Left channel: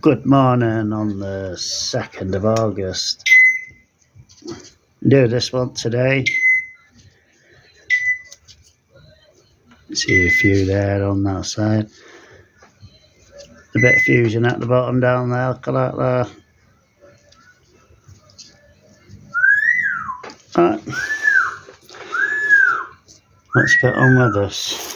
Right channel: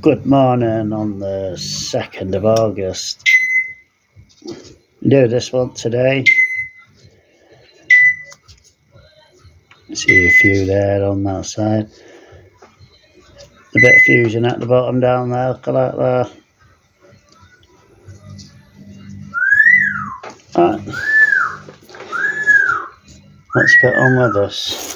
Good morning on the 2nd of August. Do this one today. See a few there on that side. A bit of fusion at the bottom down there, look at that there. Right. Let's get on with this.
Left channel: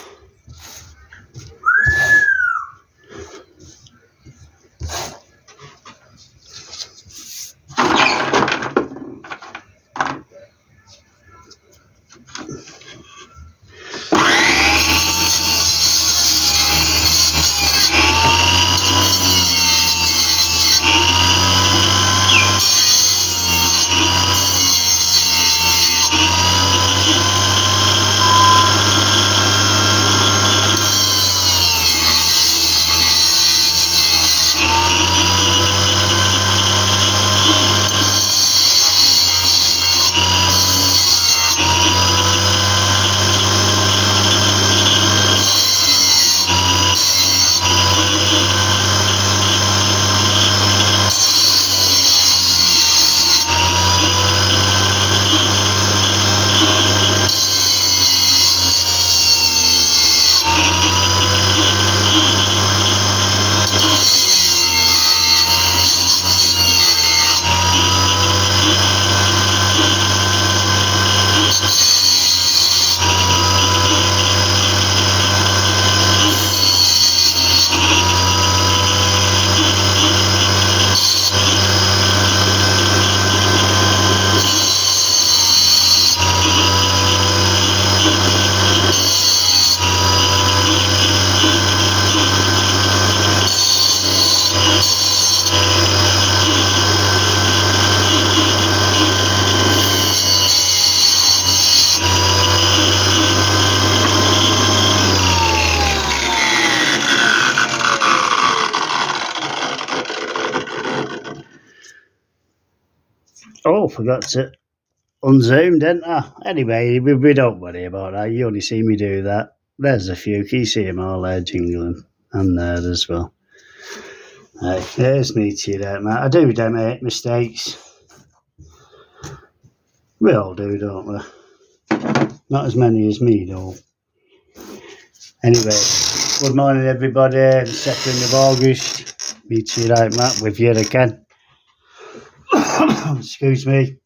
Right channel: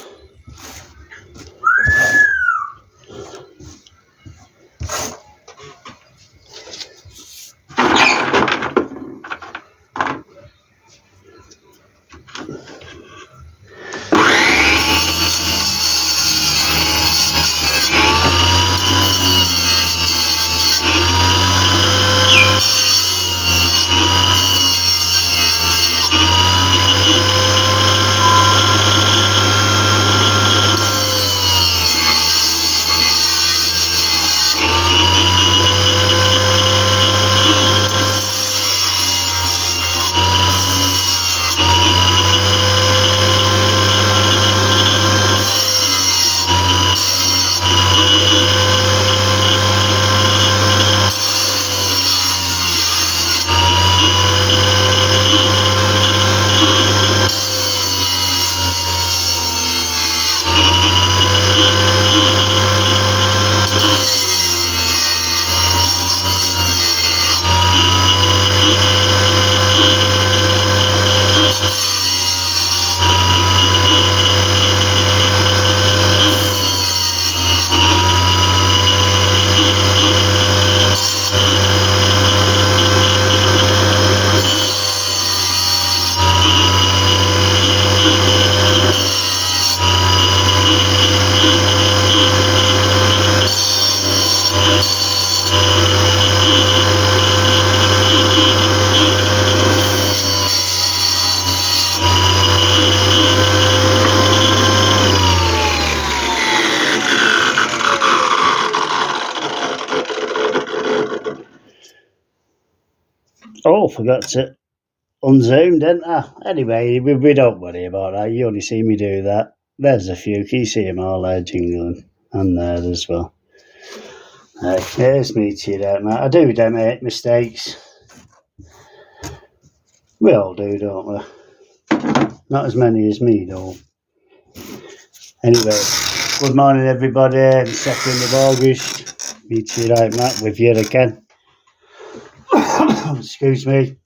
Oh, forgot to unzoom, didn't I? Anyway, we don't worry about that. You only see me do that. There's a few. Can you see them all there jingling? And there as well. Here's me to you there, mate. I do make mistakes. We all do, don't we? Not as many as me, though. Anyway, good morning, everybody. The 2nd of August. Meet you right, Matt, with you again. Excuse me.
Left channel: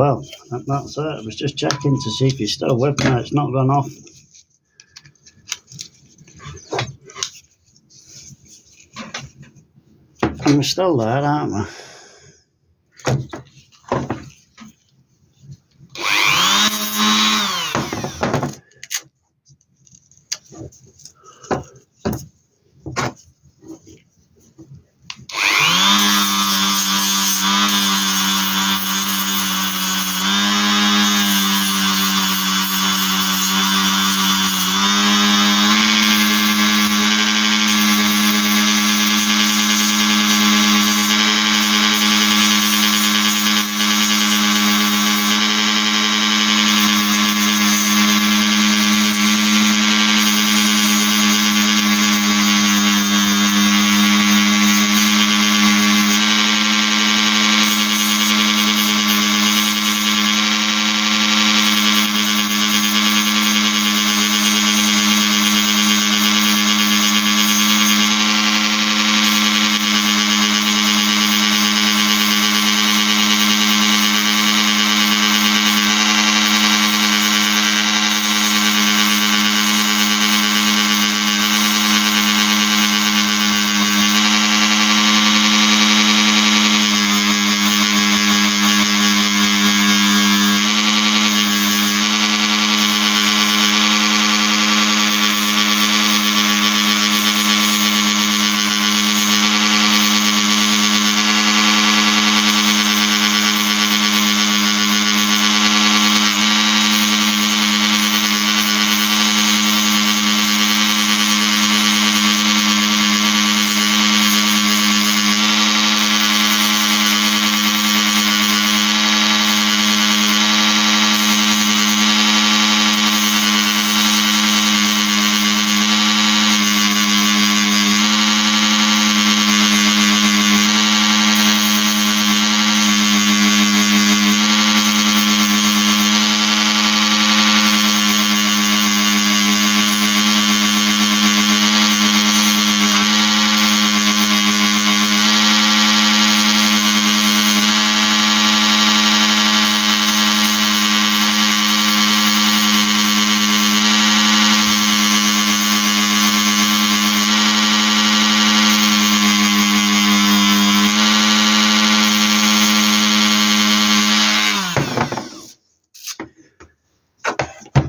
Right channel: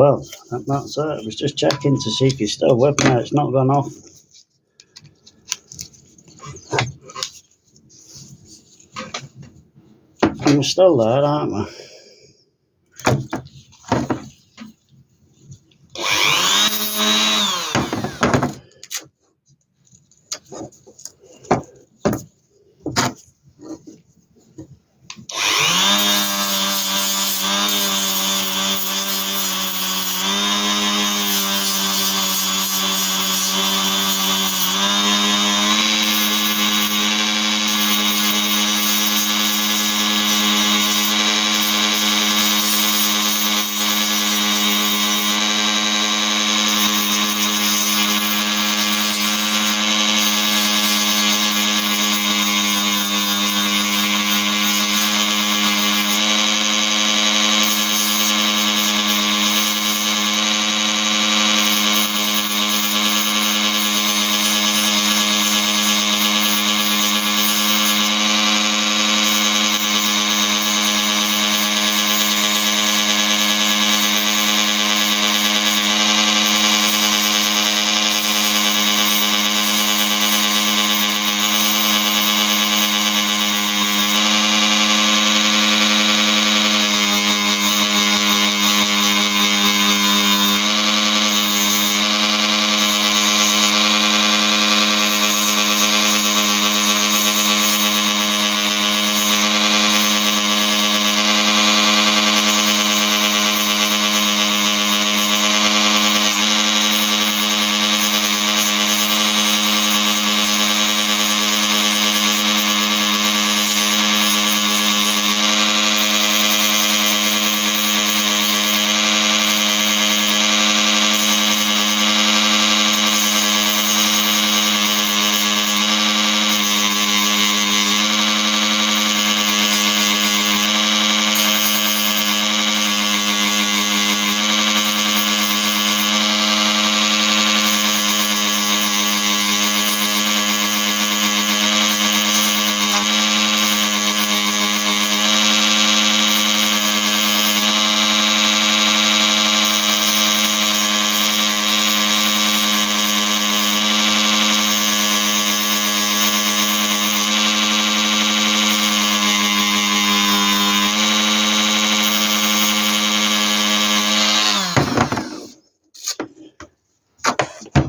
Well, that's it. I was just checking to see if you're still with me. It's not gone off. And we're still there, aren't we?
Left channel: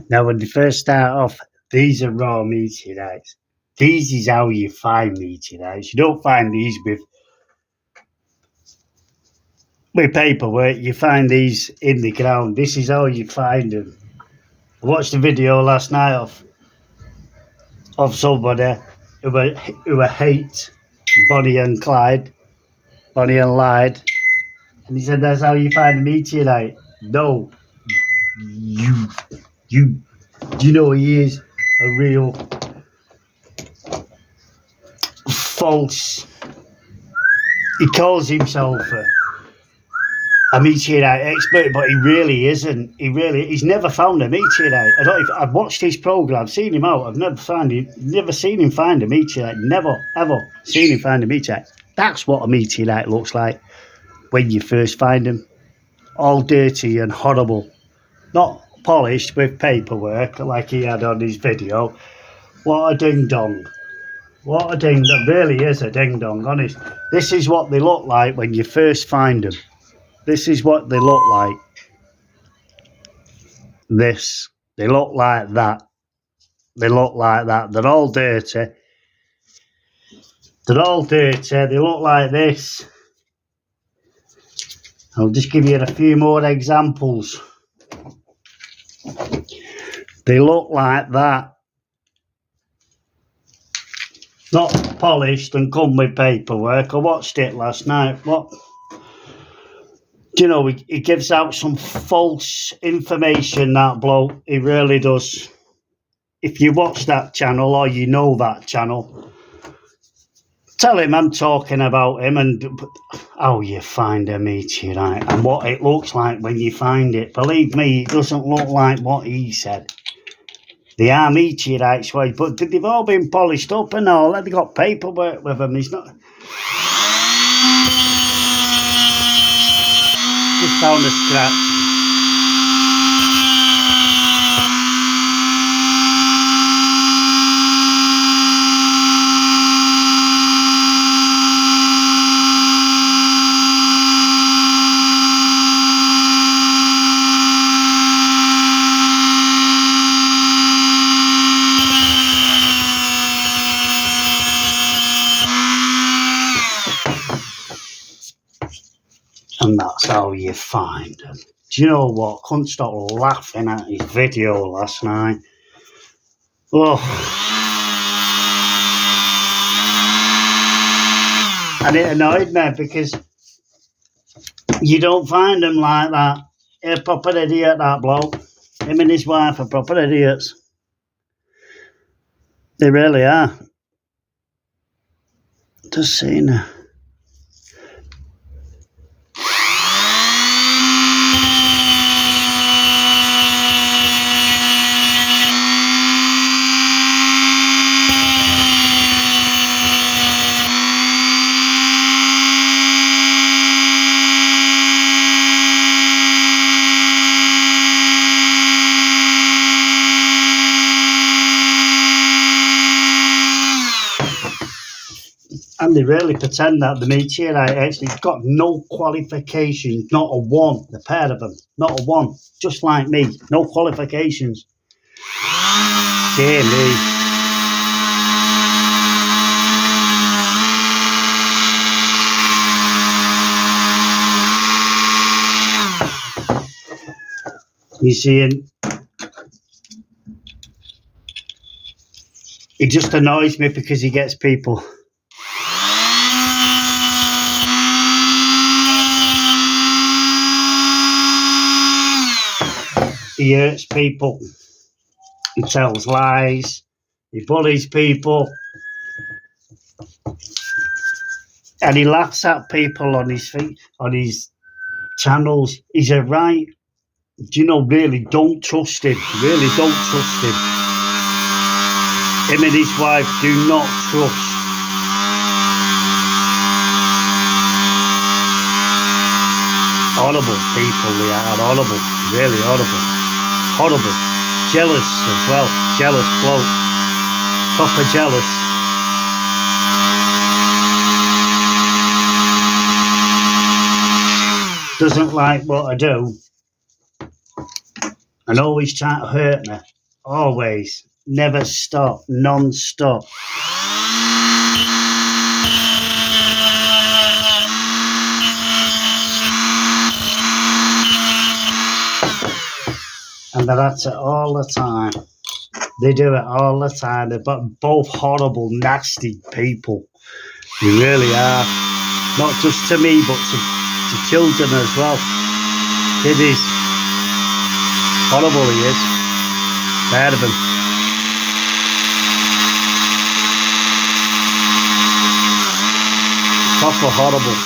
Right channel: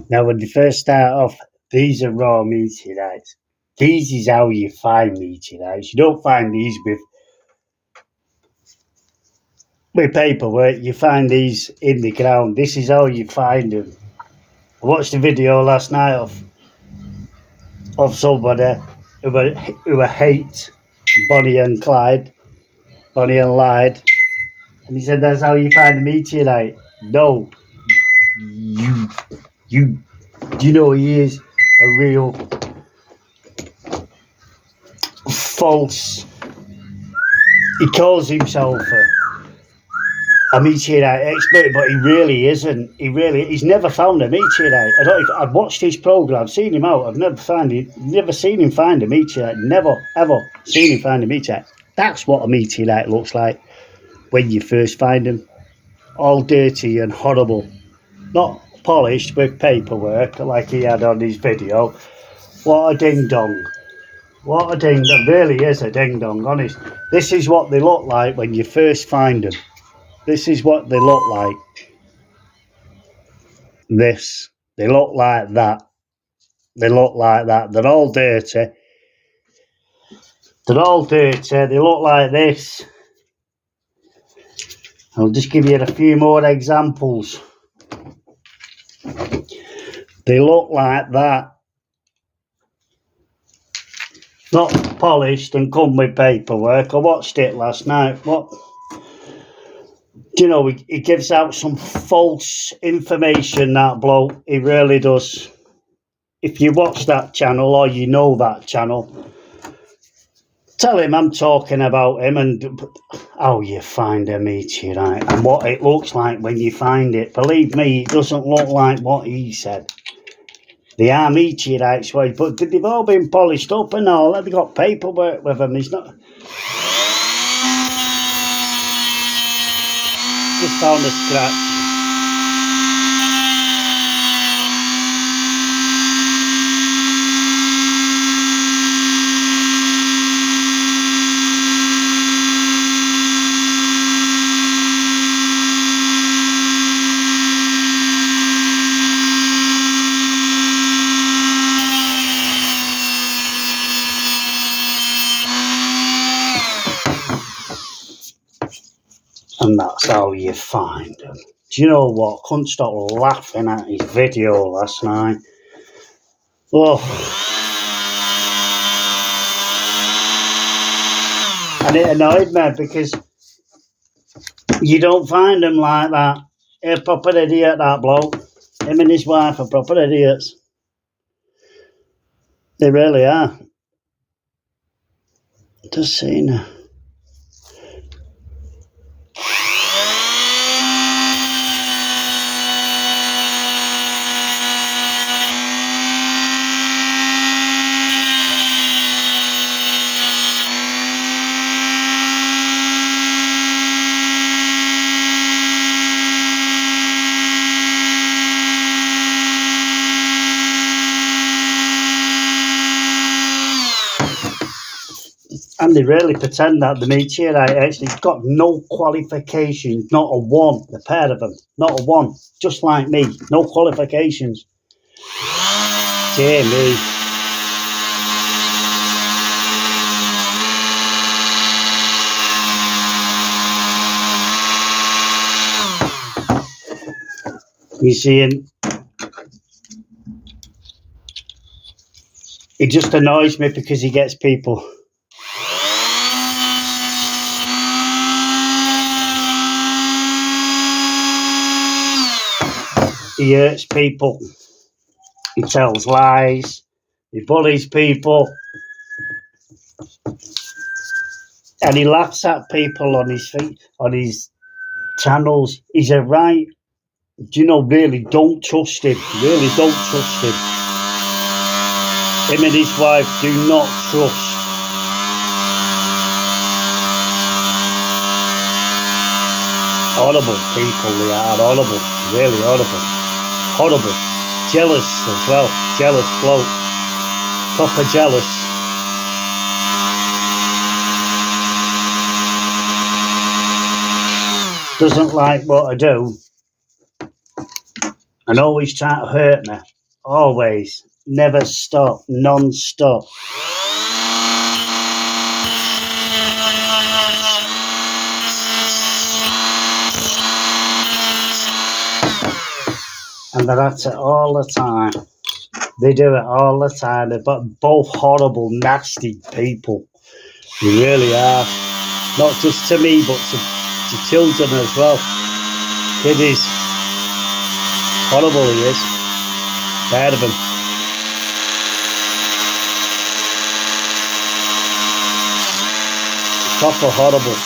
Now, when they first start off, these are raw meteorites. These is how you find meteorites. You don't find these with paperwork. You find these in the ground. This is how you find them. I watched a video last night of somebody who hate Bonnie and Clyde, Bonnie and Clyde, and he said that's how you find a meteorite. No, you know he is a real false. He calls himself a meteorite expert, but he really isn't. He's never found a meteorite. I've watched his program, I've seen him out. I've never seen him find a meteorite. Never ever seen him find a meteorite. That's what a meteorite looks like when you first find them, all dirty and horrible, not polished with paperwork like he had on his video. What a ding dong! What a ding dong! Really is a ding dong. Honest. This is what they look like when you first find them. This is what they look like. They look like that. They look like that. They're all dirty. They look like this. I'll just give you a few more examples. They look like that. Not polished and come with paperwork. I watched it last night. What? You know, he gives out some false information, that bloke. He really does. If you watch that channel or you know that channel, tell him I'm talking about him and how you find a meteorite and what it looks like when you find it. Believe me, it doesn't look like what he said. They are meteorites, but they've all been polished up and all. They've got paperwork with them. He's not... Just found a scratch. that's how you find them. Do you know what? Couldn't stop laughing at his video last night. Oh. And it annoyed me because you don't find them like that. He's a proper idiot, that bloke. Him and his wife are proper idiots. They really are. Just seeing her. And they really pretend that the meteorite actually got no qualifications, not a one, the pair of them, not a one, just like me, no qualifications. Dear me. You see, and it just annoys me because he gets people. He hurts people. He tells lies. He bullies people. And he laughs at people on his feet, on his channels. He's a right. Do you know, really don't trust him. Really don't trust him. Him and his wife do not trust. Horrible people they are. Horrible. Really horrible. Horrible. Jealous as well. Jealous bloke. Proper jealous. Doesn't like what I do. And always trying to hurt me. Always. Never stop. Non-stop. And they're at it all the time. They do it all the time. They're both horrible, nasty people. They really are. Not just to me, but to children as well. Kiddies. Horrible he is. Tired of him. Proper horrible.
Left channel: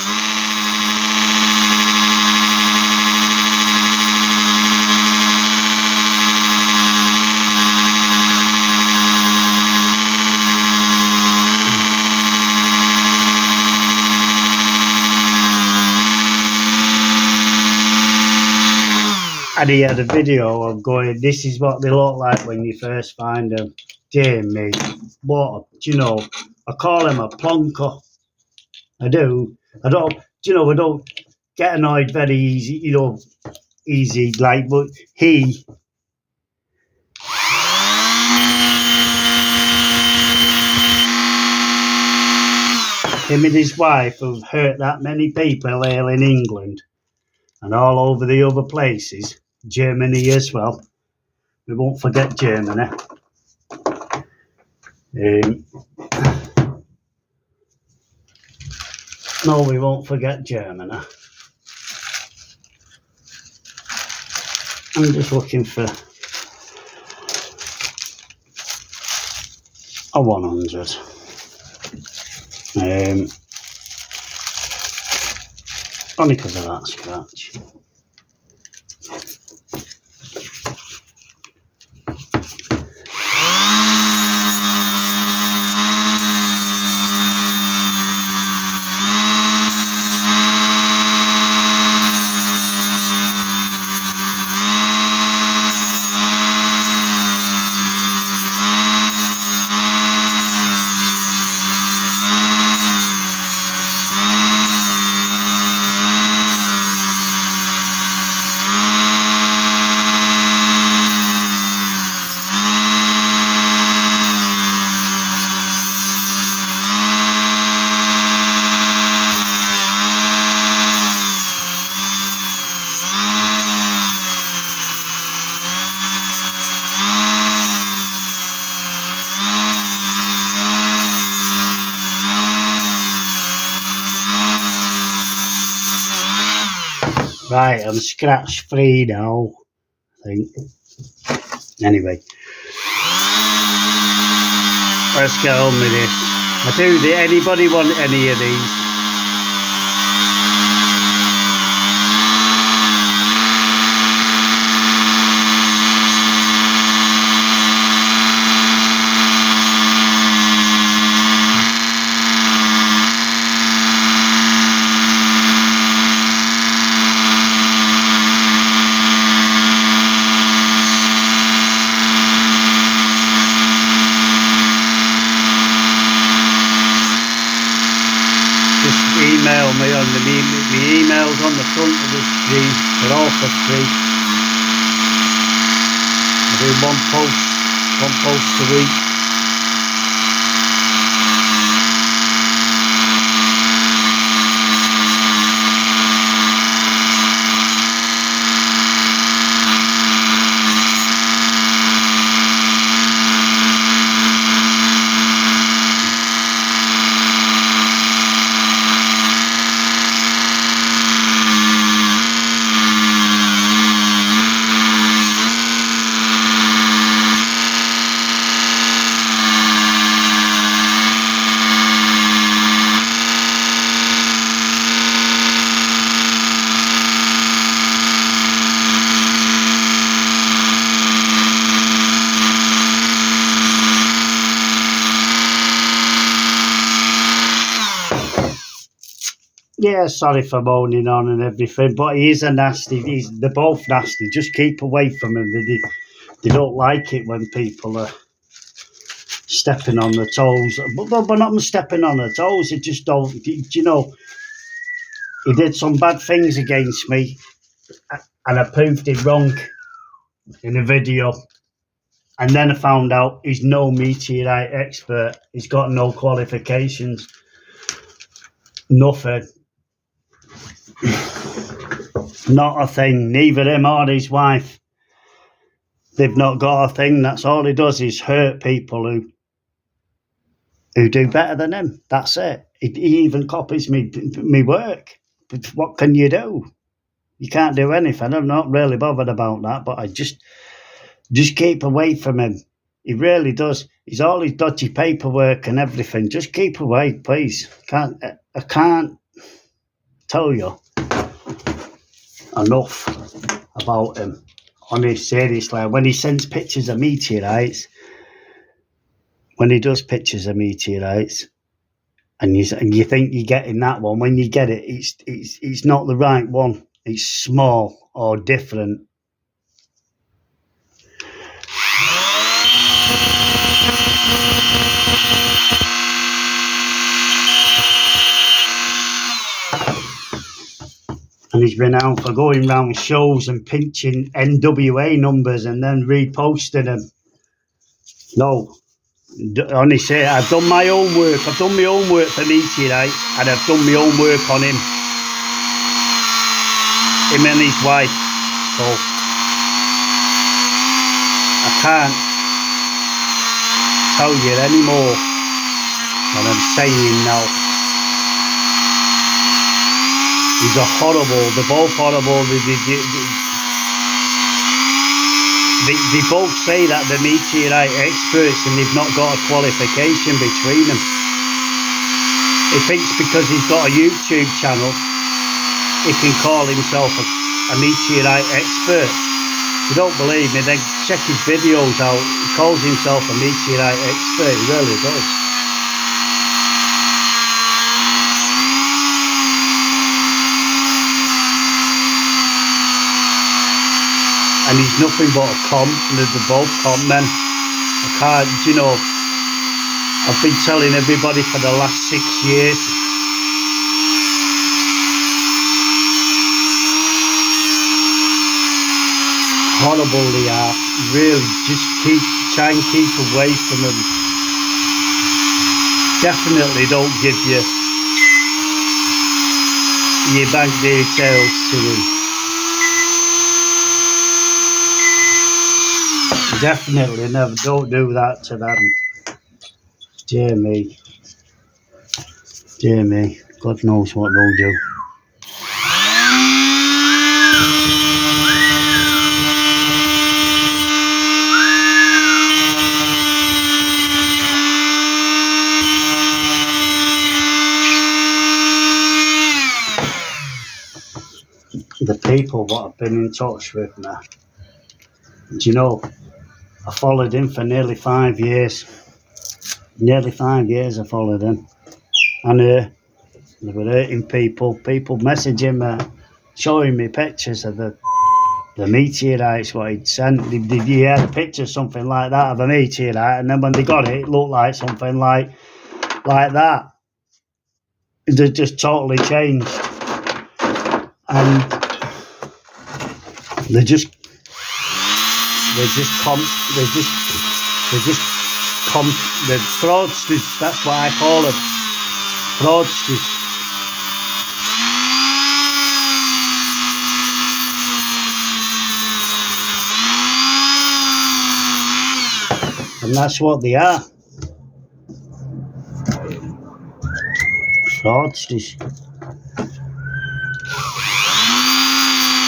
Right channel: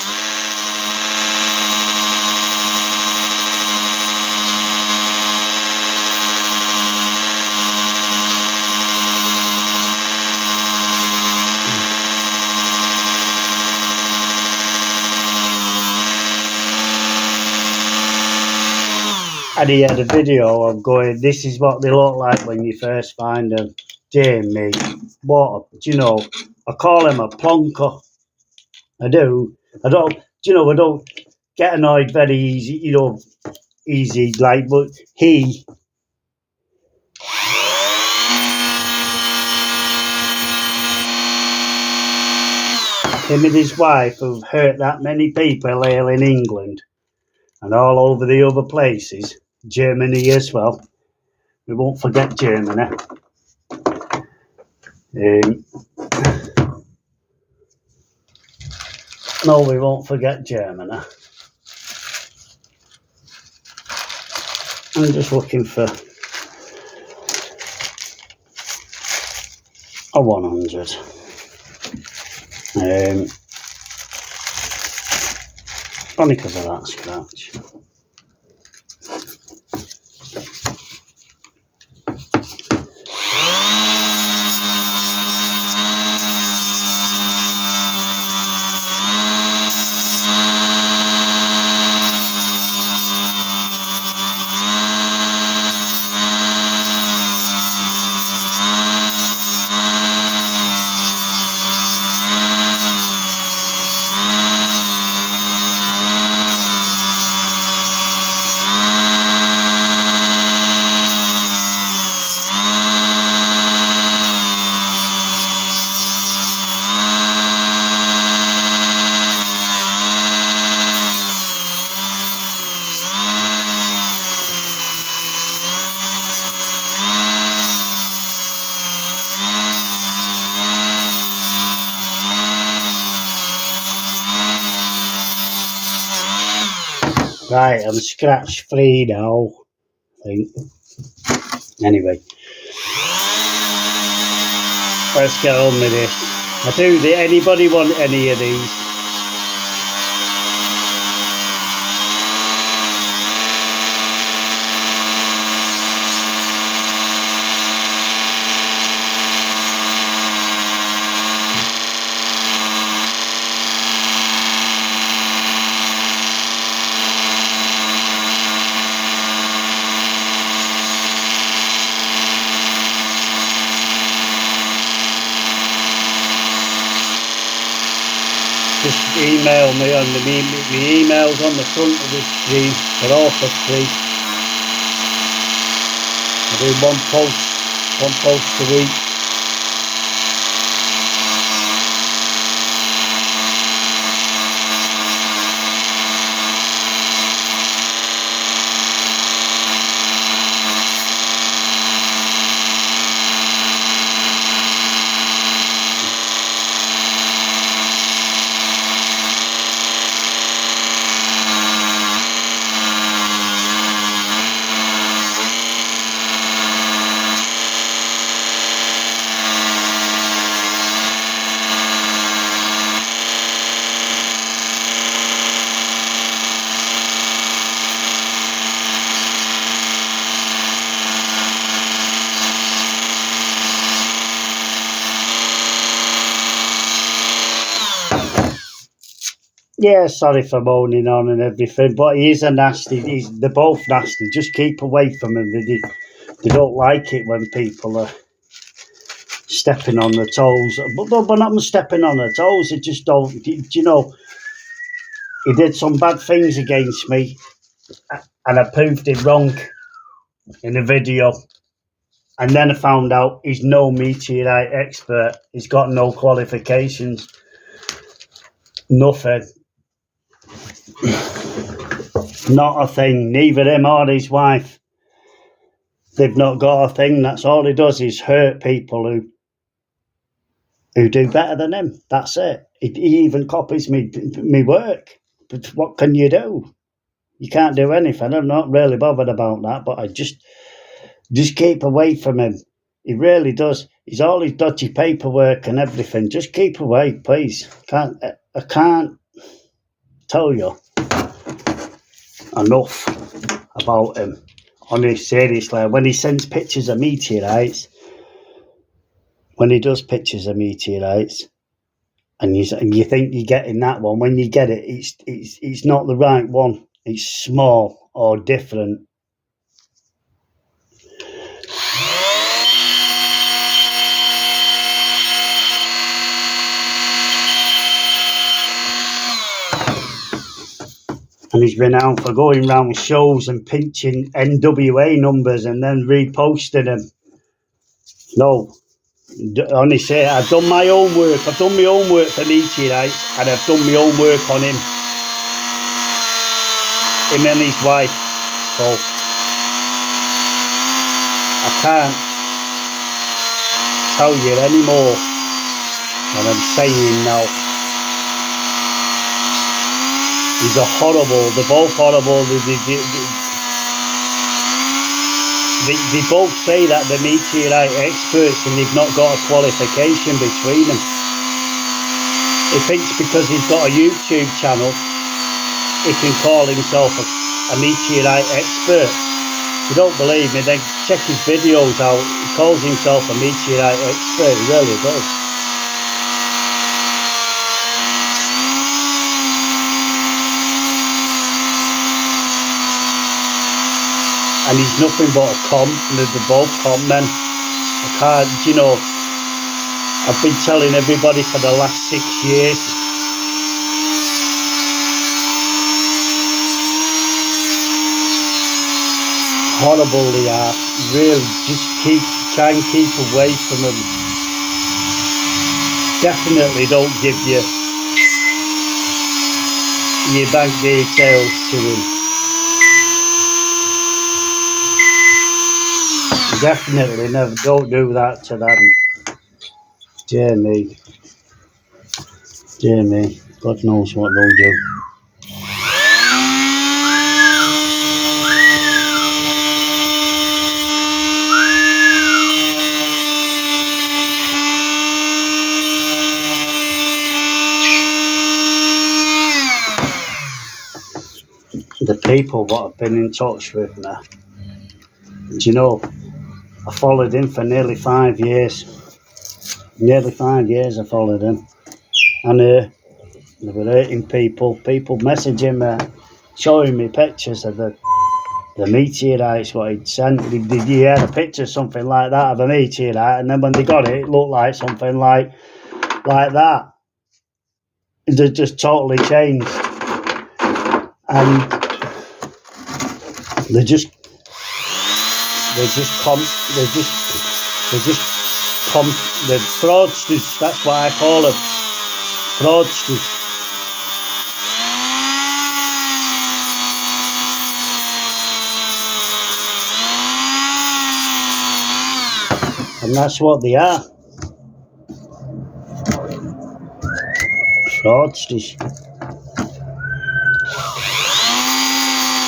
And he had a video of going, this is what they look like when you first find them. Dear me. What, do you know, I call him a plonker. I do. I don't, do you know, I don't get annoyed very easy, you know, easy, like, but him and his wife have hurt that many people here in England and all over the other places, Germany as well. We won't forget Germany. No, we won't forget Germany. I'm just looking for a 100. Only because of that scratch. Right, I'm scratch free now, I think. Anyway, let's get on with this. Anybody want any of these? Just email me on the emails on the front of the screen. They're all for free. I do one post a week. Yeah, sorry for moaning on and everything, but he is a nasty. They're both nasty. Just keep away from him. They don't like it when people are stepping on their toes. But we're not stepping on their toes. They just don't. You know, he did some bad things against me, and I proved him wrong in a video. And then I found out he's no meteorite expert. He's got no qualifications. Nothing. Not a thing. Neither him or his wife. They've not got a thing. That's all he does is hurt people who do better than him. That's it. He even copies me work. But what can you do? You can't do anything. I'm not really bothered about that, but I just keep away from him. He really does. He's all his dodgy paperwork and everything. Just keep away, please. I can't tell you enough about him. Honestly, seriously, when he sends pictures of meteorites, when he does pictures of meteorites, and you think you're getting that one, when you get it, it's not the right one. It's small or different. And he's renowned for going around shows and pinching NWA numbers and then reposting them. No, honestly, I've done my own work. I've done my own work for meteorites, and I've done my own work on him and his wife. So I can't tell you any more than I'm saying now. These are horrible. They're both horrible. They both say that they're meteorite experts and they've not got a qualification between them. He thinks because he's got a YouTube channel, he can call himself a meteorite expert. If you don't believe me, then check his videos out. He calls himself a meteorite expert. He really does. And he's nothing but a con, and they're both con men. I can't, I've been telling everybody for the last 6 years. Horrible they are. Really, just try and keep away from them. Definitely don't give your bank details to him. Definitely never, don't do that to them. Dear me. God knows what they'll do. people what have been in touch with me. And you know, I followed him for nearly 5 years. Nearly 5 years I followed him. And they were hurting people. People messaging me, showing me pictures of the meteorites, what he'd sent. He had a picture, something like that, of a meteorite, and then when they got it, it looked like something like that. They just totally changed. And the fraudsters, that's what I call them. Fraudsters. And that's what they are. Fraudsters.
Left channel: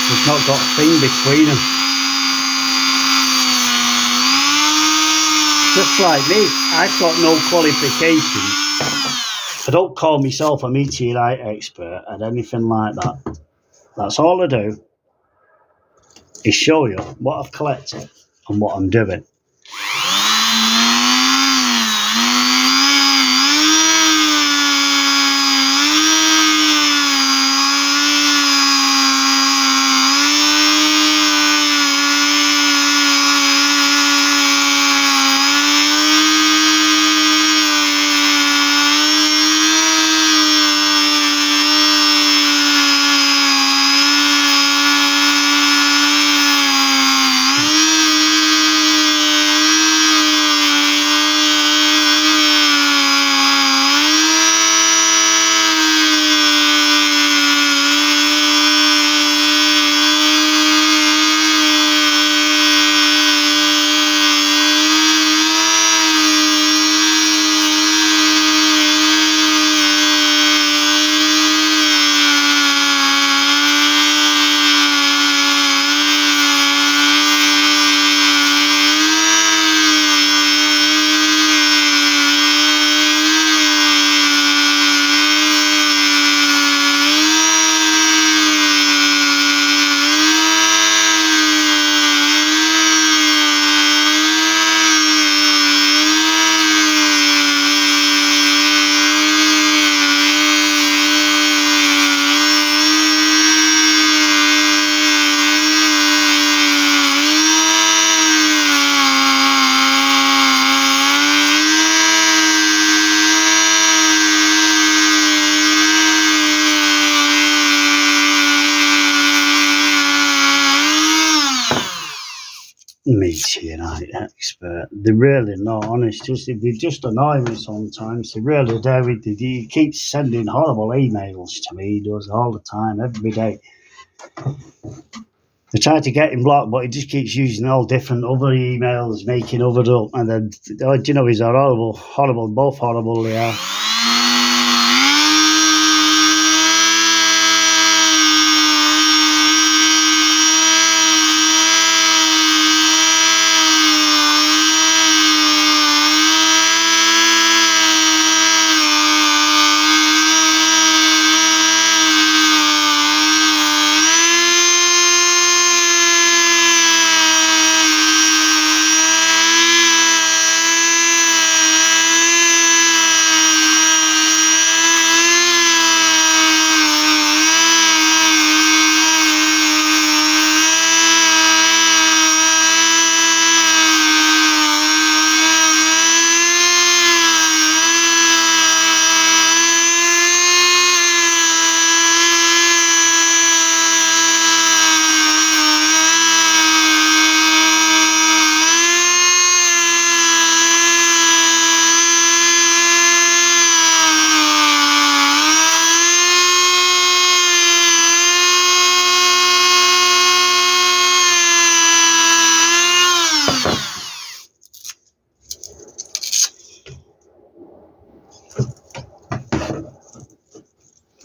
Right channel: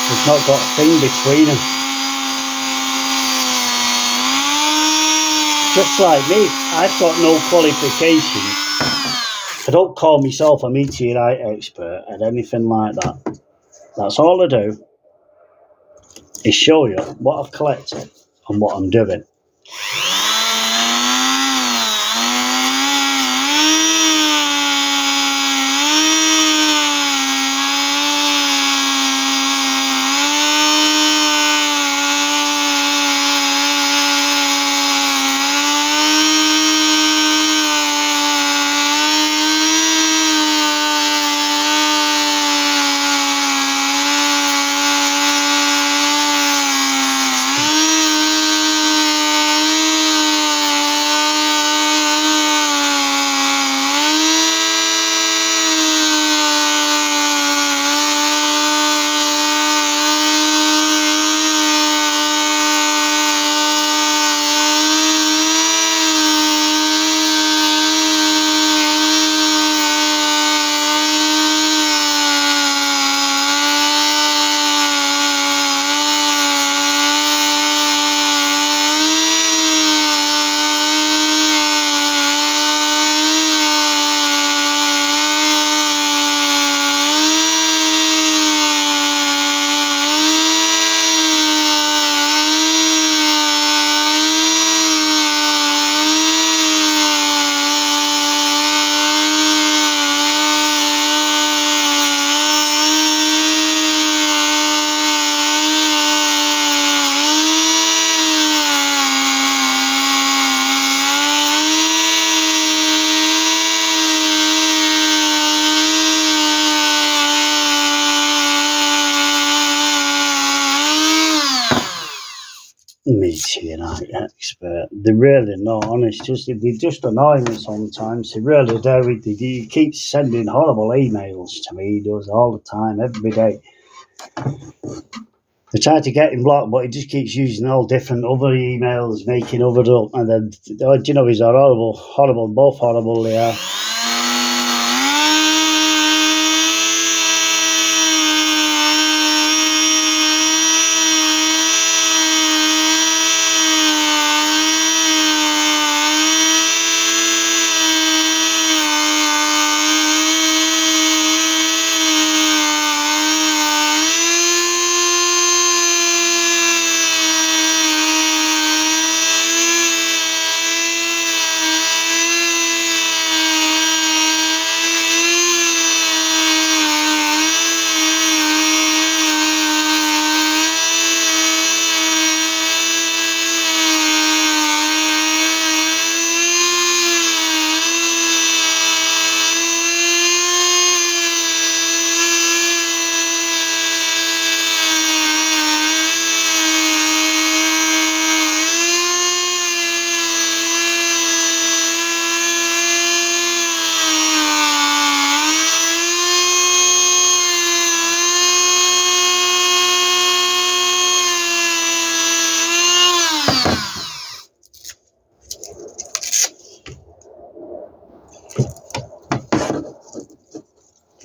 They've not got a thing between them. Just like me, I've got no qualifications. I don't call myself a meteorite expert and anything like that. That's all I do is show you what I've collected and what I'm doing. Meteorite expert. They're really not honest. They just annoy me sometimes. They really do. He keeps sending horrible emails to me. He does all the time, every day. I try to get him blocked, but he just keeps using all different other emails, making other up. And then, you know, he's horrible, both horrible they are.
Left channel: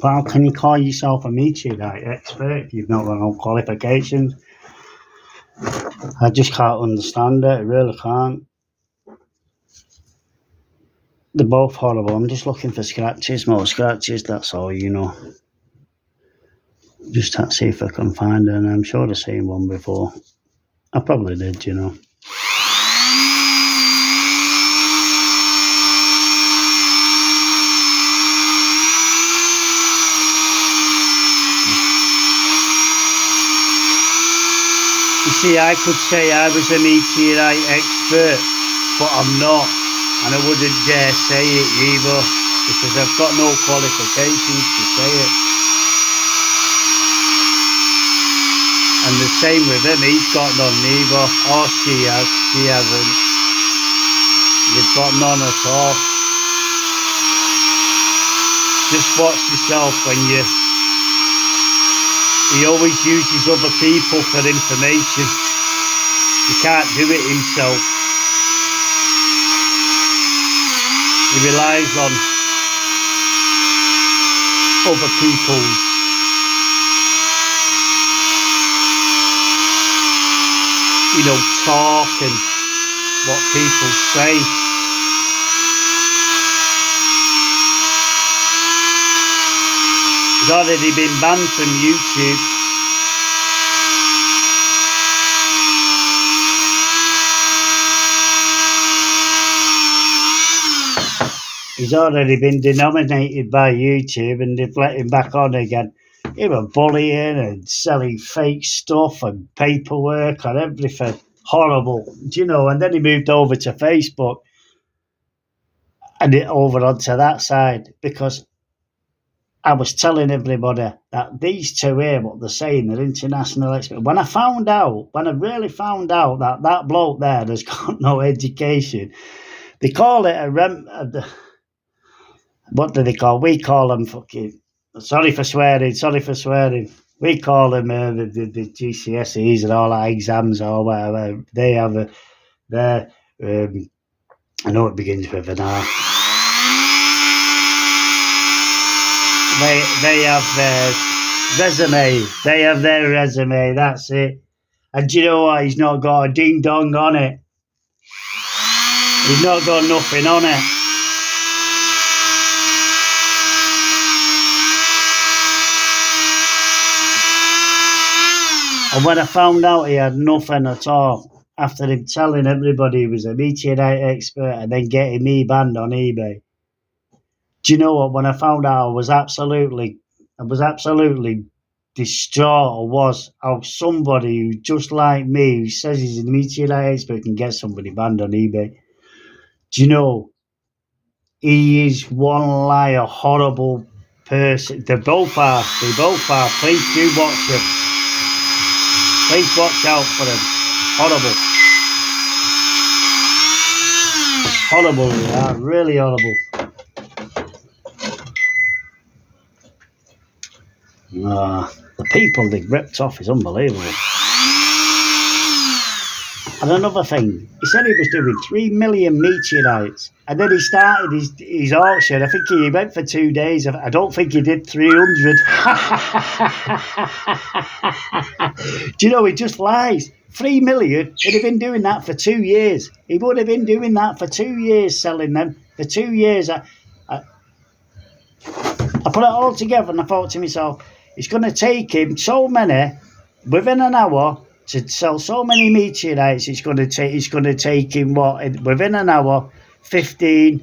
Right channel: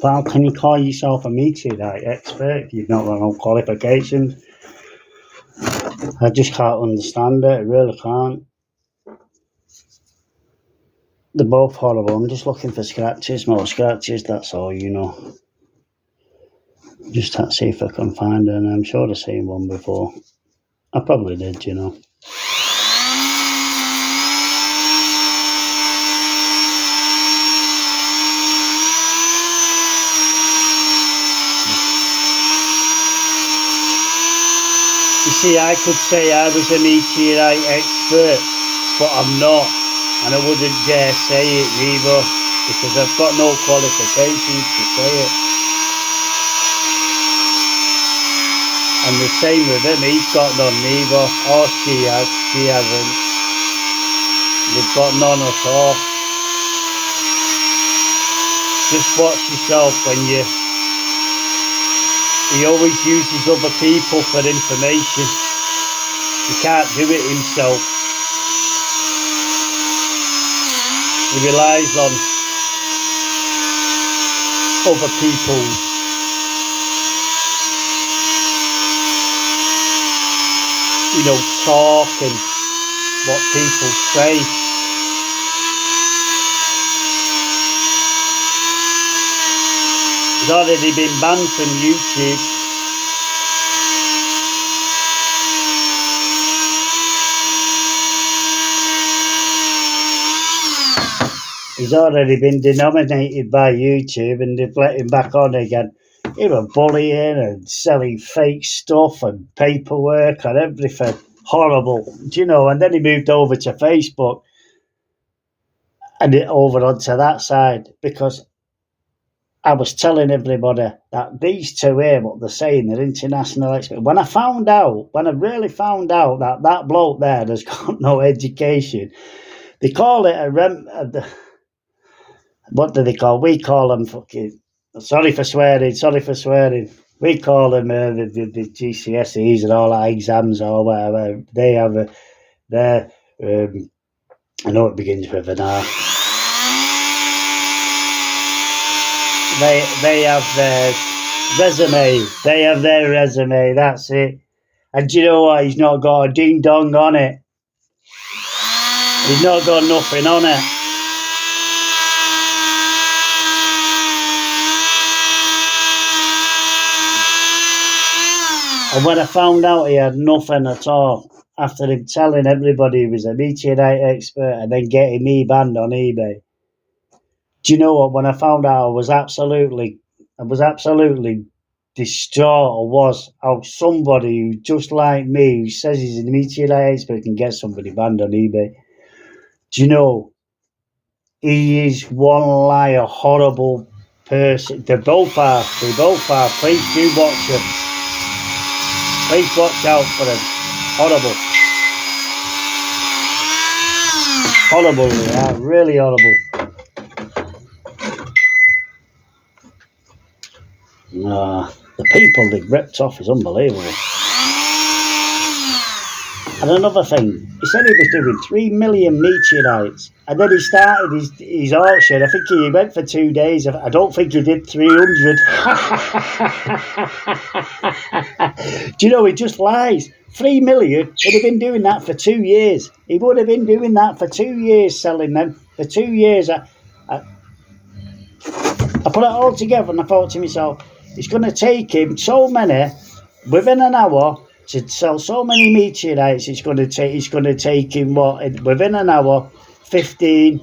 But how can you call yourself a meteorite expert if you've not got no qualifications? I just can't understand it. I really can't. They're both horrible. I'm just looking for scratches, more scratches, that's all, you know. Just to see if I can find her, and I'm sure I've seen one before. I probably did, you know. You see, I could say I was a meteorite expert, but I'm not, and I wouldn't dare say it either, because I've got no qualifications to say it. And the same with him, he's got none neither, or she hasn't. They've got none at all. Just watch yourself when he always uses other people for information. He can't do it himself. He relies on other people's talk and what people say. He's already been banned from YouTube. He's already been denominated by YouTube, and they've let him back on again. He was bullying and selling fake stuff and paperwork and everything. Horrible, and then he moved over to Facebook and over onto that side, because I was telling everybody that these two here, what they're saying, they're international experts. When I really found out that bloke there has got no education, they call it what do they call? We call them fucking. Sorry for swearing. We call them the GCSEs and all that exams or whatever. They have their. I know it begins with an R. They have their resume. They have their resume. That's it. And do you know what? He's not got a ding dong on it. He's not got nothing on it. And when I found out he had nothing at all, after him telling everybody he was a meteorite expert and then getting me banned on eBay, do you know what? When I found out, I was absolutely distraught. Was how somebody who just like me, who says he's a meteorite expert, can get somebody banned on eBay. Do you know? He is one liar, horrible person. They both are. Please do watch him. Please watch out for him. Horrible. Horrible, they are. Really horrible. The people they ripped off is unbelievable. And another thing, he said he was doing 3 million meteorites, and then he started his auction. I think he went for 2 days. I don't think he did 300. Do you know, he just lies. 3 million, he'd have been doing that for 2 years. He would have been doing that for 2 years, selling them. For 2 years, I put it all together and I thought to myself, it's going to take him so many, within an hour, to sell so many meteorites. It's going to take him, within an hour, 10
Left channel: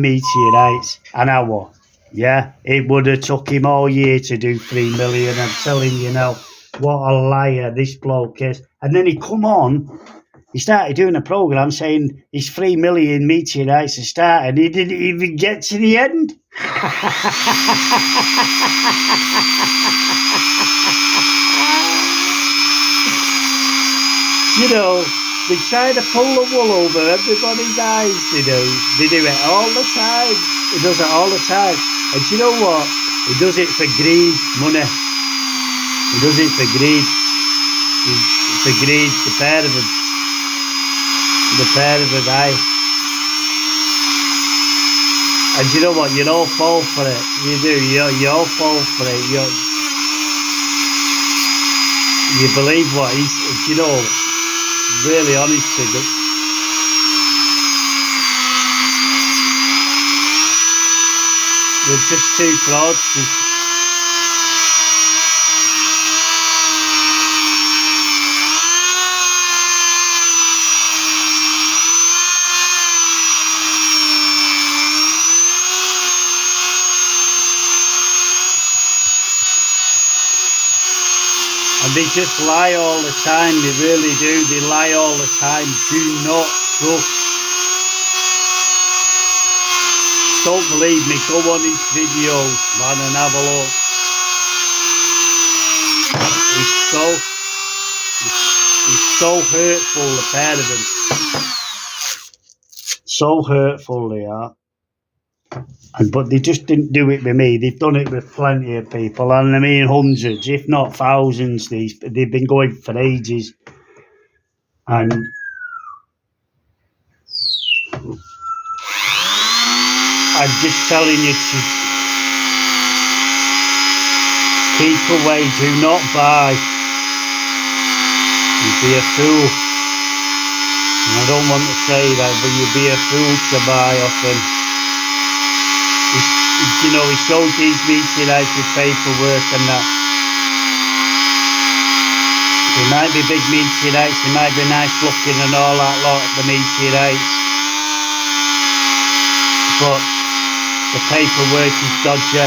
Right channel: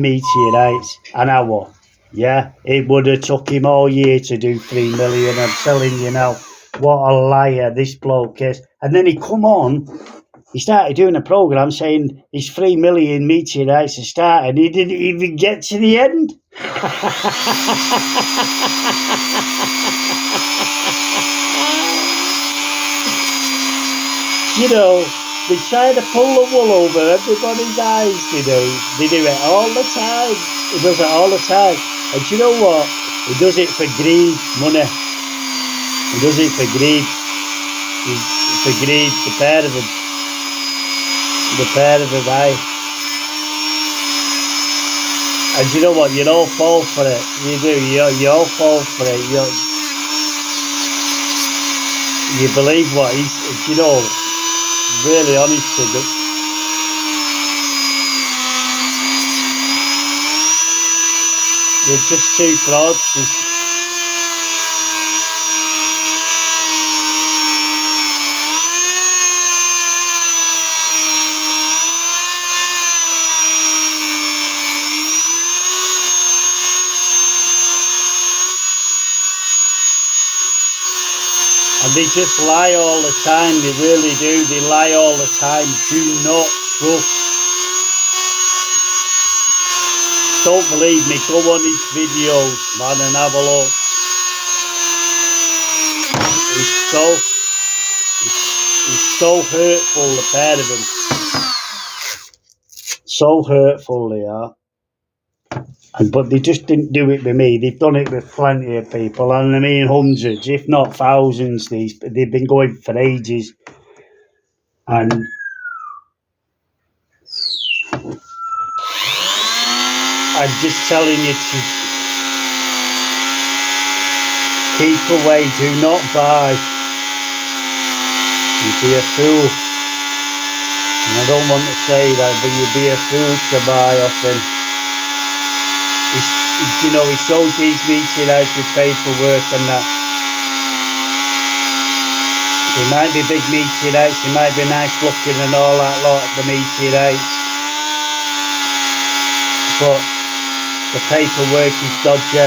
meteorites an hour. Yeah, it would have took him all year to do 3 million. I'm telling you now, what a liar this bloke is. And then he started doing a program saying his 3 million meteorites had started. He didn't even get to the end. You know, they try to pull the wool over everybody's eyes. They do it all the time. He does it all the time. And you know what? He does it for greed, money. He does it for greed. For greed, the pair of them. Aye. And you know what? You all fall for it. You do. You all fall for it. You believe what he's, really honest to them. We're just too proud. they just lie all the time. They really do. They lie all the time. Do not trust. Don't believe me. Go on his videos, man, and have a look. He's so hurtful, the pair of them. So hurtful they are. But they just didn't do it with me. They've done it with plenty of people, and I mean hundreds, if not thousands. They've been going for ages, and I'm just telling you to keep away. Do not buy. You'd be a fool. And I don't want to say that, but you'd be a fool to buy off him. He shows these meteorites with paperwork and that. They might be big meteorites, they might be nice looking and all that lot, the meteorites. But the paperwork is dodgy.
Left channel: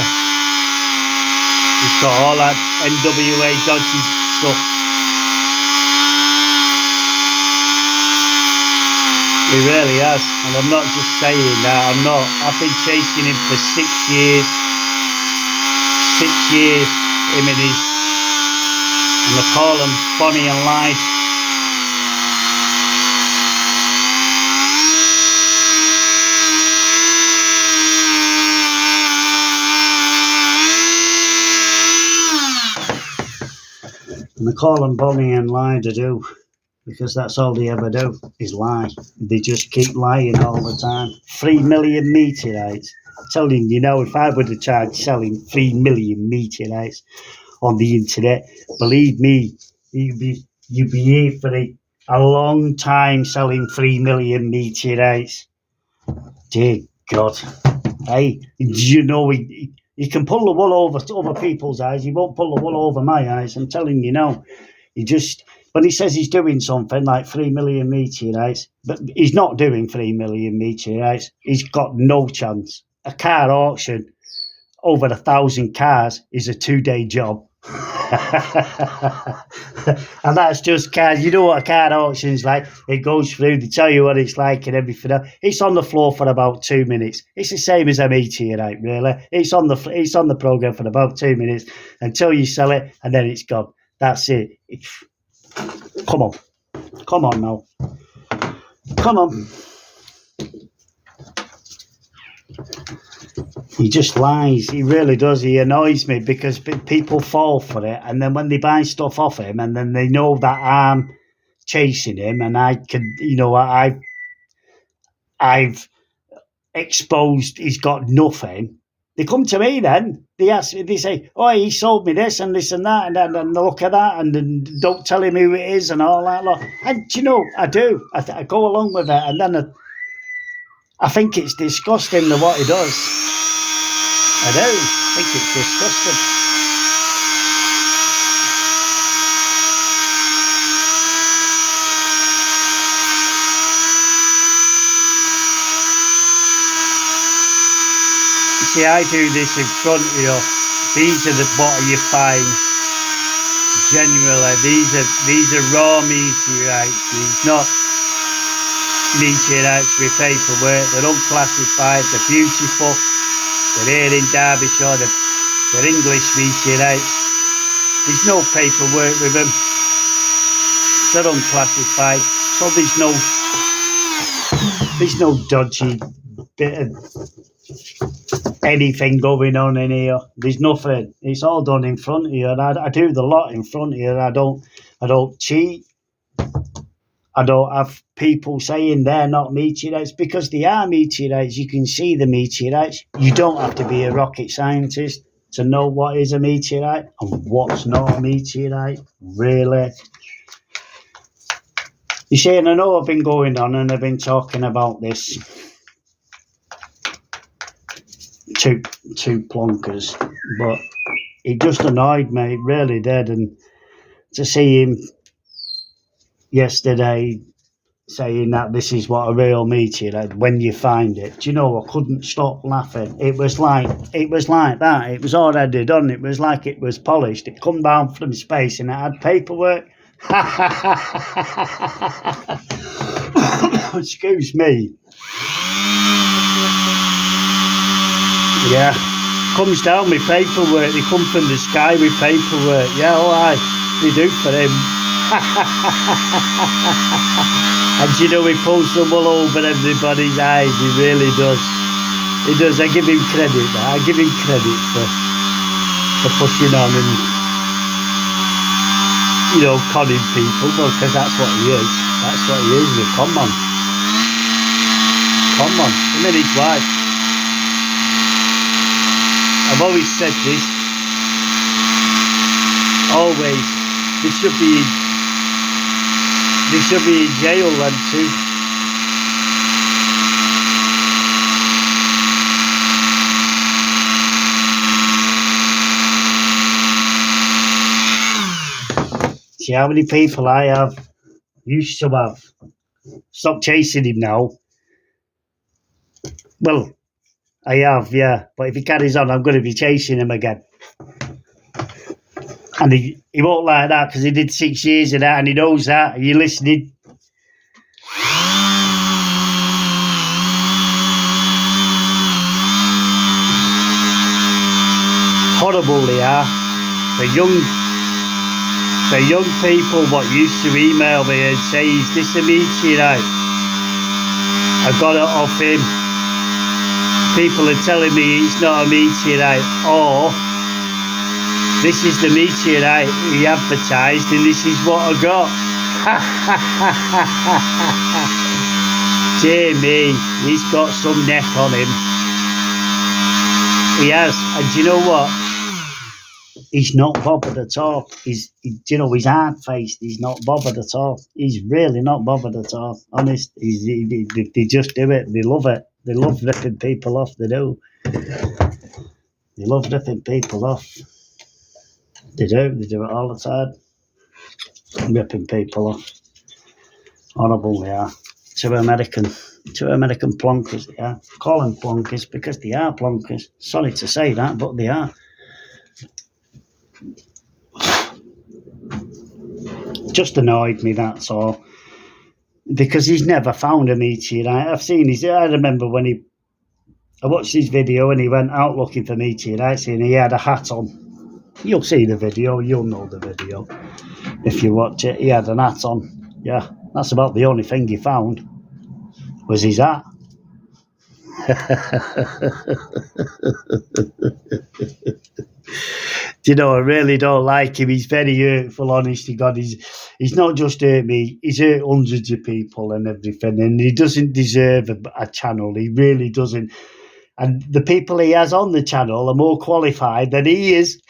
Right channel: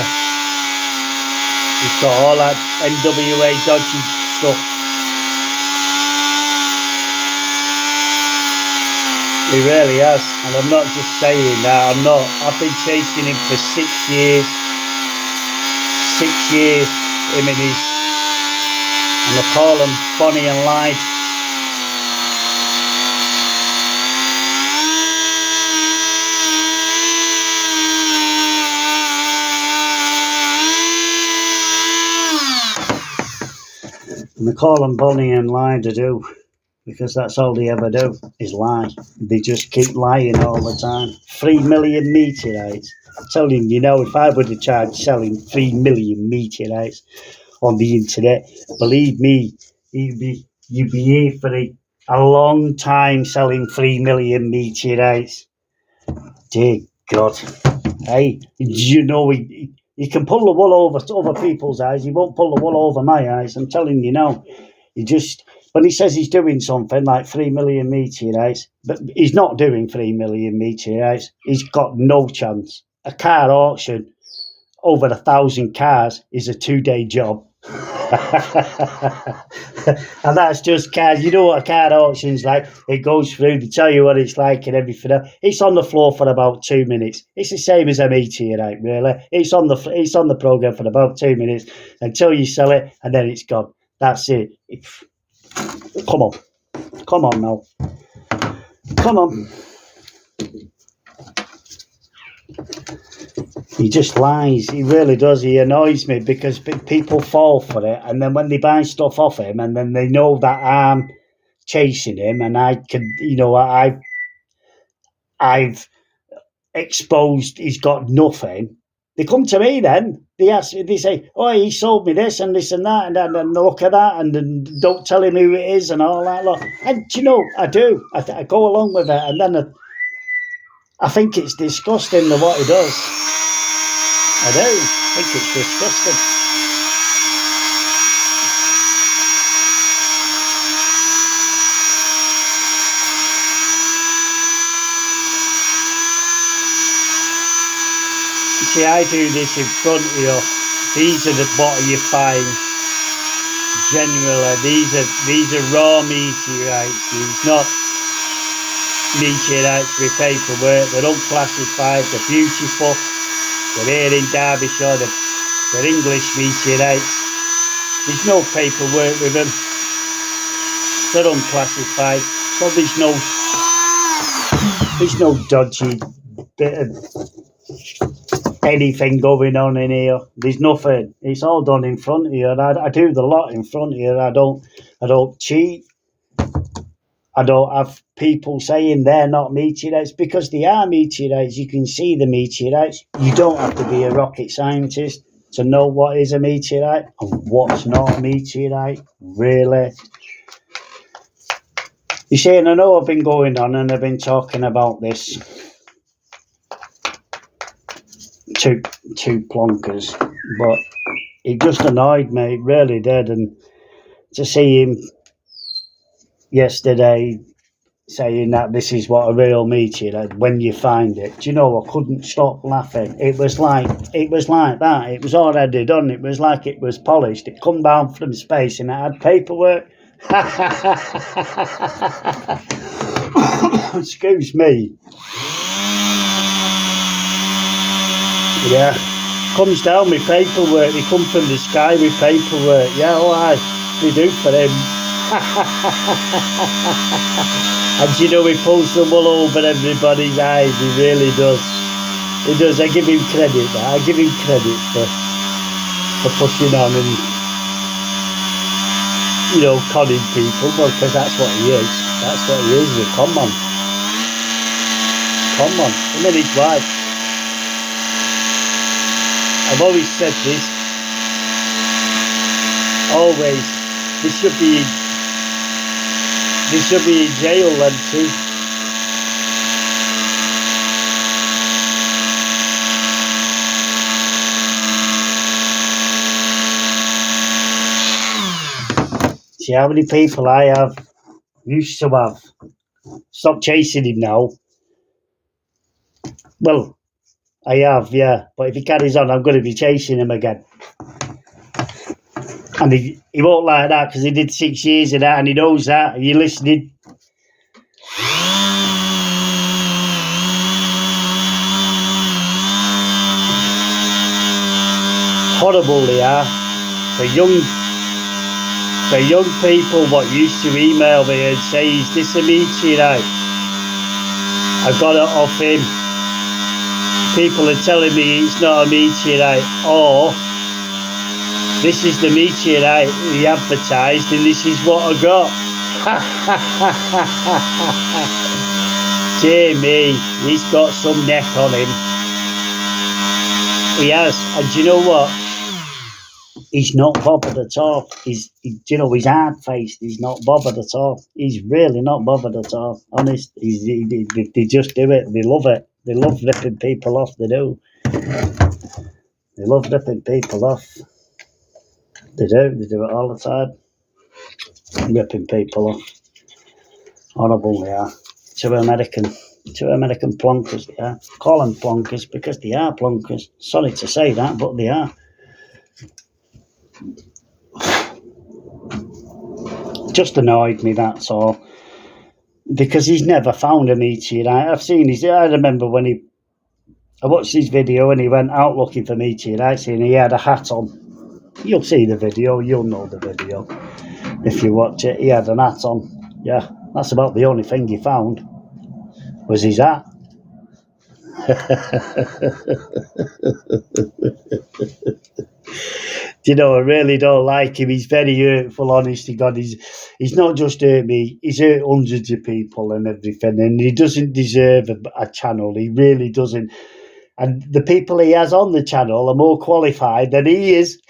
He's got all that NWA dodgy stuff. He really has, and I'm not just saying that. I've been chasing him for 6 years. 6 years, him and they call him Bonnie and Clyde. And they call them Bonnie and Clyde to do. Because that's all they ever do, is lie. They just keep lying all the time. 3 million meteorites. I'm telling you, if I would have tried selling 3 million meteorites on the internet, believe me, you'd be here for a long time selling 3 million meteorites. Dear God. Hey, you can pull the wool over other people's eyes. You won't pull the wool over my eyes. I'm telling you now. When he says he's doing something like 3 million meteorites, but he's not doing 3 million meteorites. He's got no chance. A car auction, over 1,000 cars, is a 2-day job. And that's just cars. You know what a car auction's like. It goes through, they tell you what it's like and everything. It's on the floor for about 2 minutes. It's the same as a meteorite, really. It's on the program for about 2 minutes until you sell it, and then it's gone. That's it. Come on now. Come on. He just lies. He really does. He annoys me because people fall for it, and then when they buy stuff off him, and then they know that I'm chasing him, and I've exposed he's got nothing. They come to me then. They say, "Oh, he sold me this and this and that, and look at that, and don't tell him who it is and all that lot." And I do. I go along with it, and then I think it's disgusting what he does. I do. I think it's disgusting. See, I do this in front of you. These are what you find. Generally, these are raw meteorites. These not meteorites with paperwork. They're unclassified. They're beautiful. They're here in Derbyshire. They're English meteorites. There's no paperwork with them. They're unclassified. So there's no dodgy bit of anything going on in here. There's nothing. It's all done in front of you. And I do the lot in front of you. I don't cheat. I don't have people saying they're not meteorites because they are meteorites. You can see the meteorites. You don't have to be a rocket scientist to know what is a meteorite and what's not a meteorite. Really. You see, and I know I've been going on and I've been talking about this. Two plonkers, but it just annoyed me, it really did. And to see him yesterday saying that this is what a real meteorite when you find it. Do you know, I couldn't stop laughing. It was like that. It was already done. It was like it was polished. It come down from space and it had paperwork. Excuse me. Yeah. Comes down with paperwork. They come from the sky with paperwork. Yeah, all right. They do for him. And you know, he pulls the wool over everybody's eyes. He really does. He does. I give him credit. I give him credit for pushing on and, you know, conning people, because that's what he is. That's what he is. A con man. Con man. And then his wife. I've always said this. Always. They should be in jail then too. See how many people I used to have. Stop chasing him now. Well, I have, yeah. But if he carries on, I'm going to be chasing him again. And he won't like that because he did 6 years of that and he knows that. Are you listening? Horrible they are. The young people what used to email me and say, is this a meteorite? I got it off him. People are telling me it's not a meteorite, or this is the meteorite he advertised and this is what I got. Dear me, he's got some neck on him. He has, and do you know what? He's not bothered at all. He's hard-faced. He's not bothered at all. He's really not bothered at all. Honest, they just do it. They love it. They love ripping people off. They do. They love ripping people off. They do. They do it all the time. Ripping people off. Horrible they are. Two American plonkers they are. Call them plonkers because they are plonkers. Sorry to say that, but they are. Just annoyed me, that's all. Because he's never found a meteorite. I've seen I remember when I watched his video and he went out looking for meteorites and he had a hat on. You'll see the video, you'll know the video. If you watch it, he had an hat on. Yeah, that's about the only thing he found, was his hat. You know, I really don't like him. He's very hurtful, honest to God. He's not just hurt me, he's hurt hundreds of people and everything, and he doesn't deserve a channel. He really doesn't. And the people he has on the channel are more qualified than he is.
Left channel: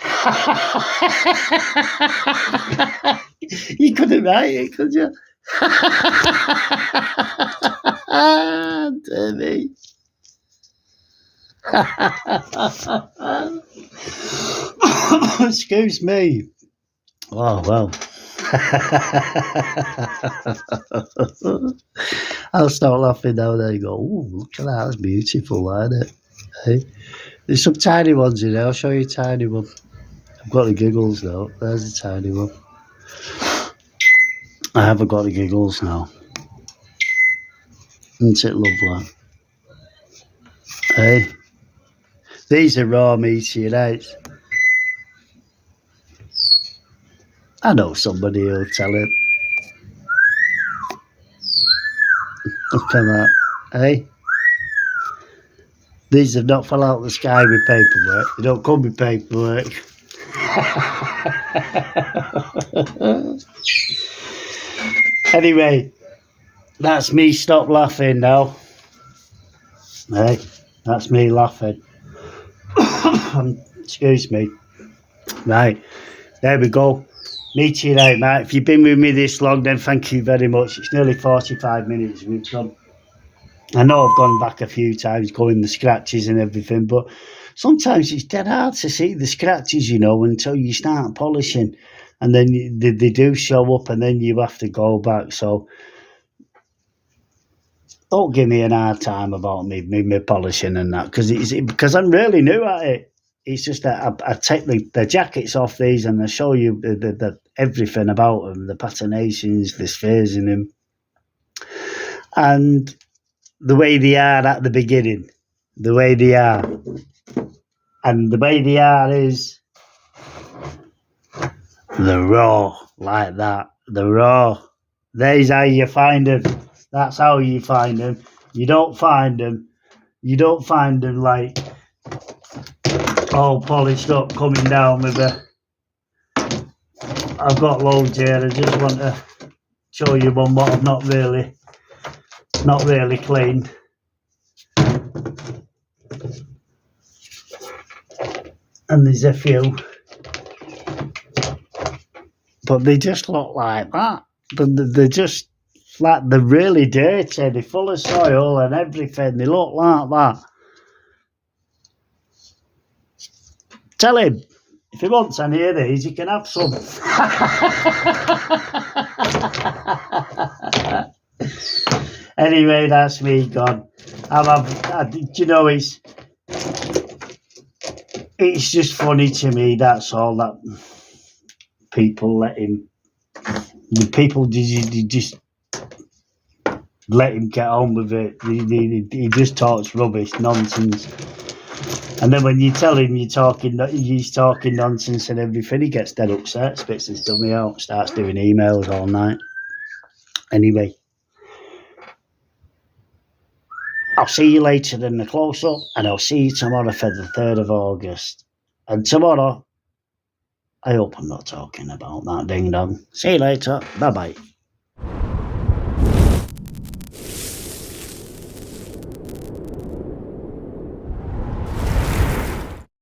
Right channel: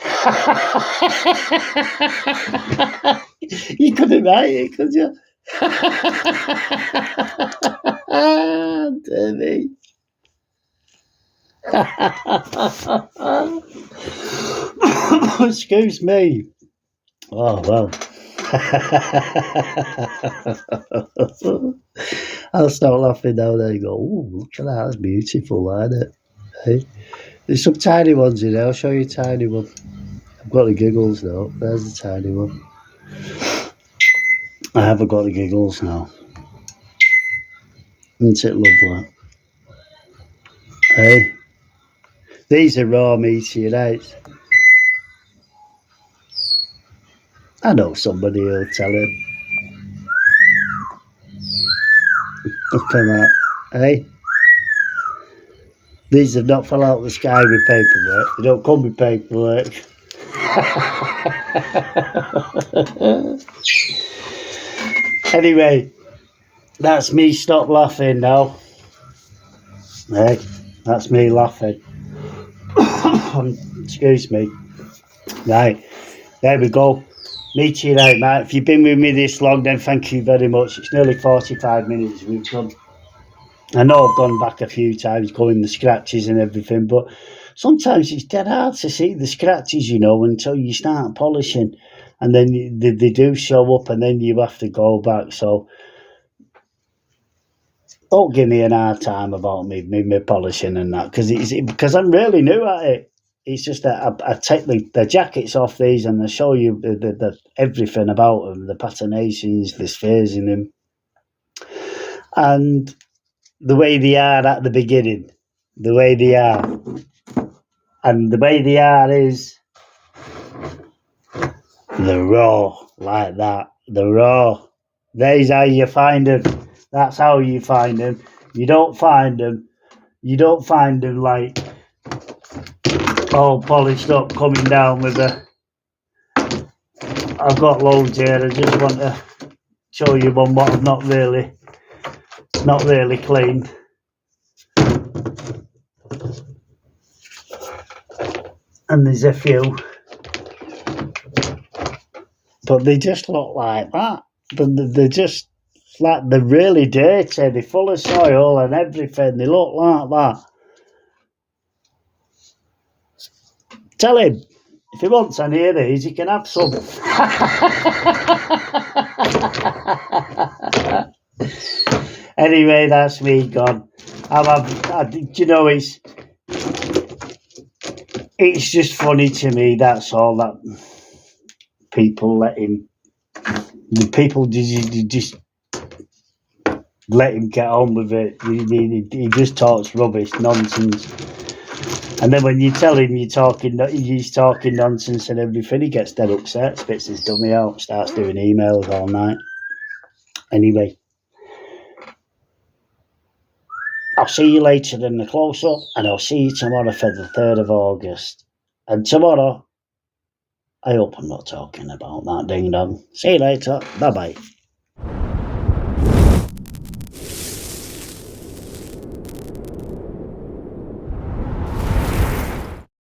You couldn't write it, could you? Dear me. Excuse me. Oh, well. I'll start laughing now and then and go, oh, look at that, that's beautiful, isn't it? Hey? There's some tiny ones in there. I'll show you a tiny one. I've got the giggles now. There's the tiny one. I haven't got the giggles now. Isn't it lovely? Hey? These are raw meteorites. I know somebody will tell him. Look at that. Hey? These have not fell out of the sky with paperwork. They don't come with paperwork. Anyway, that's me. Stop laughing now. Hey, that's me laughing. Excuse me. Right, there we go. Meteorite, mate. If you've been with me this long, then thank you very much. It's nearly 45 minutes we've done. I know I've gone back a few times going the scratches and everything, but sometimes it's dead hard to see the scratches, you know, until you start polishing, and then they do show up and then you have to go back. So don't give me an hard time about me polishing and that, because I'm really new at it. It's just that I take the jackets off these and I show you the everything about them, the patinations, the spheres in them, and the way they are at the beginning, the way they are, and the way they are is the raw, like that, the raw. There's how you find them. That's how you find them. You don't find them like all polished up, coming down with the. I've got loads here. I just want to show you one what I've not really cleaned. And there's a few, but they just look like that. They're just like, they're really dirty. They're full of soil and everything. They look like that. Tell him, if he wants any of these, he can have some. Anyway, that's me gone. You know, it's just funny to me, that's all, that people just let him get on with it. He just talks rubbish, nonsense. And then when you tell him he's talking nonsense and everything, he gets dead upset, spits his dummy out, starts doing emails all night. Anyway, I'll see you later in the close-up, and I'll see you tomorrow for the 3rd of August. And tomorrow, I hope I'm not talking about that ding-dong. See you later. Bye-bye.